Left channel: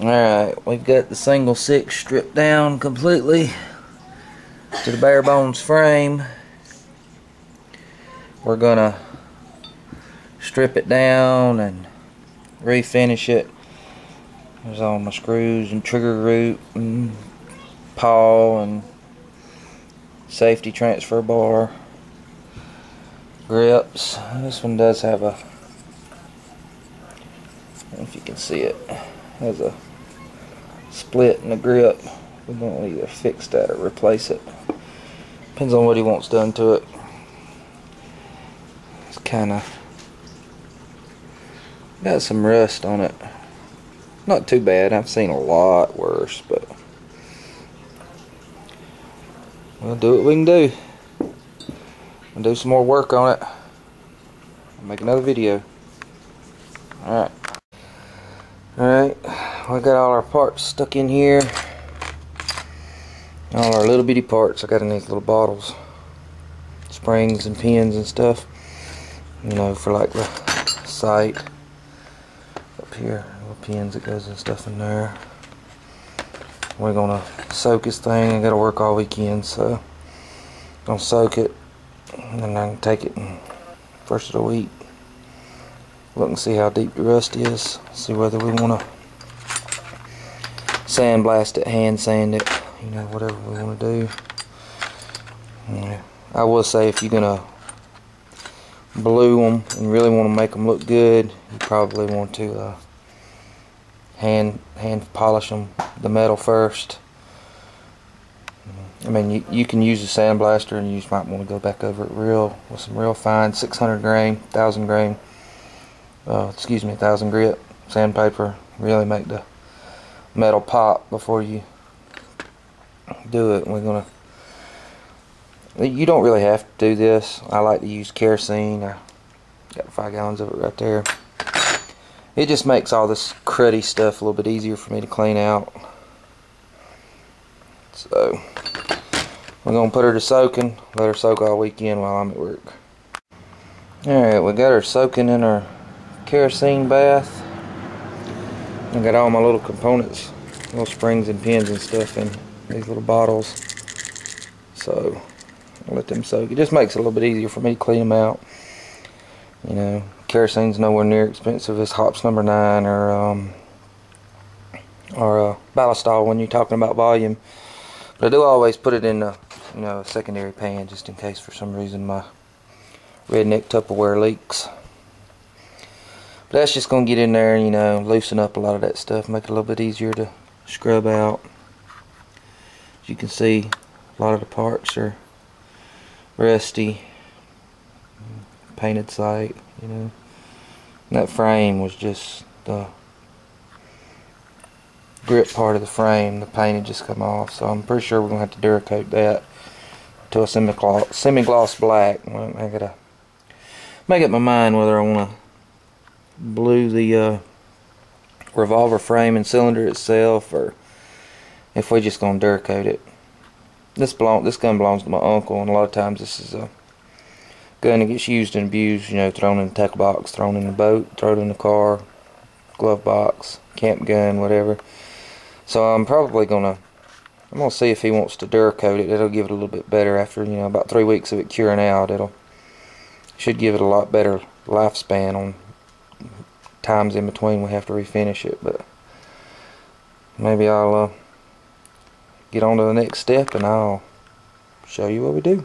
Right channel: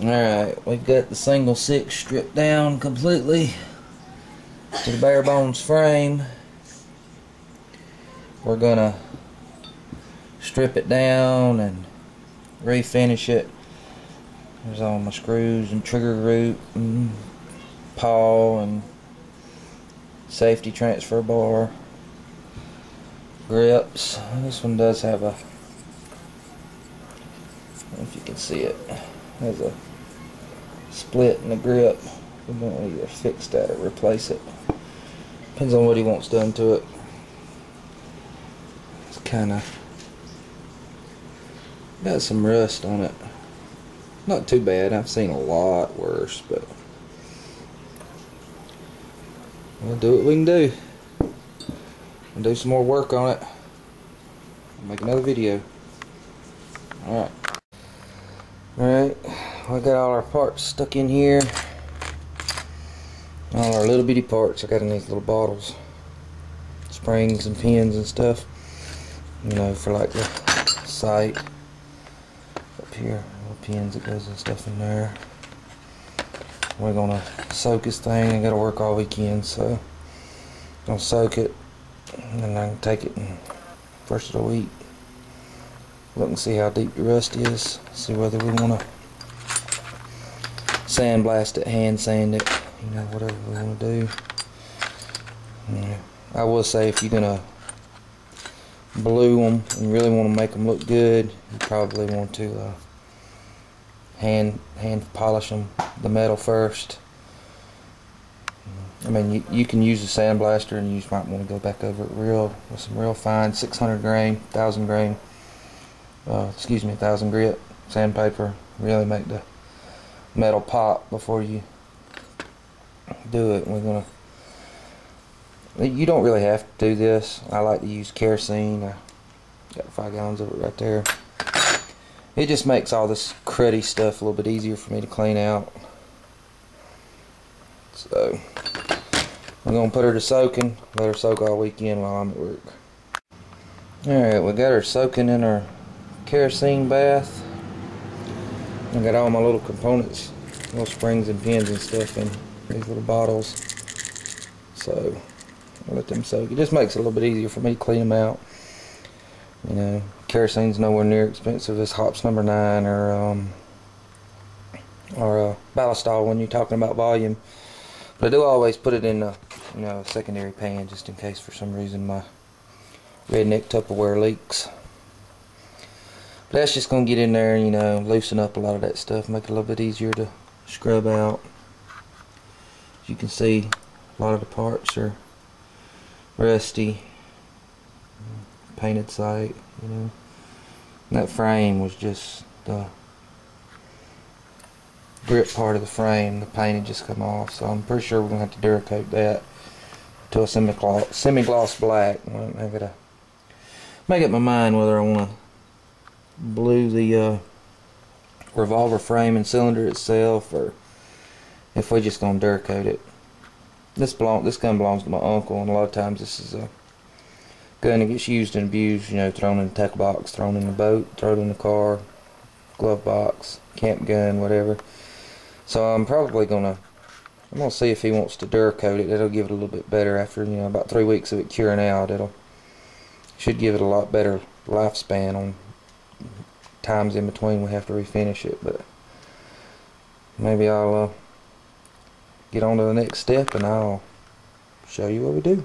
Alright, we've got the single six stripped down completely to the bare bones frame. We're gonna strip it down and refinish it. There's all my screws and trigger root and pawl and safety transfer bar, grips. This one does have a, I don't know if you can see it, has a split in the grip. We want to either fix that or replace it. Depends on what he wants done to it. It's kind of got some rust on it. Not too bad. I've seen a lot worse, but we'll do what we can do. We'll do some more work on it. I'll make another video. Alright. Alright. We got all our parts stuck in here. All our little bitty parts I got in these little bottles. Springs and pins and stuff. You know, for like the sight. Up here, little pins that goes and stuff in there. We're gonna soak this thing. I gotta work all weekend, so I'm gonna soak it and then I can take it first of the week. Look and see how deep the rust is. See whether we wanna sandblast it, hand sand it, you know, whatever we wanna do. Yeah. I will say if you're gonna blue them and really want to make them look good, you probably want to hand polish them, the metal first. I mean, you can use a sandblaster, and you just might want to go back over it with some real fine 600 grain, 1000 grain, 1000 grit sandpaper. Really make the metal pop before you do it. You don't really have to do this. I like to use kerosene. I got 5 gallons of it right there. It just makes all this cruddy stuff a little bit easier for me to clean out. So we're gonna put her to soaking. Let her soak all weekend while I'm at work. Alright, we got her soaking in our kerosene bath. I got all my little components, little springs and pins and stuff in these little bottles. So I'll let them soak. It just makes it a little bit easier for me to clean them out. You know, kerosene's nowhere near expensive as hops number 9 or ballistol when you're talking about volume. But I do always put it in a, you know, a secondary pan just in case for some reason my redneck Tupperware leaks. But that's just gonna get in there and, you know, loosen up a lot of that stuff, make it a little bit easier to scrub out. As you can see, a lot of the parts are rusty, painted sight, you know. And that frame was just the grip part of the frame. The paint had just come off, so I'm pretty sure we're gonna have to Duracoat that to a semi-gloss black. I gotta make up my mind whether I want to blue the revolver frame and cylinder itself, or if we're just gonna Duracoat it. This gun belongs to my uncle, and a lot of times this is a gun that gets used and abused, you know, thrown in the tackle box, thrown in the boat, thrown in the car, glove box, camp gun, whatever. So I'm gonna see if he wants to Duracoat it. It'll give it a little bit better after, you know, about 3 weeks of it curing out. Should give it a lot better lifespan on times in between we have to refinish it. But maybe I'll get on to the next step and I'll show you what we do.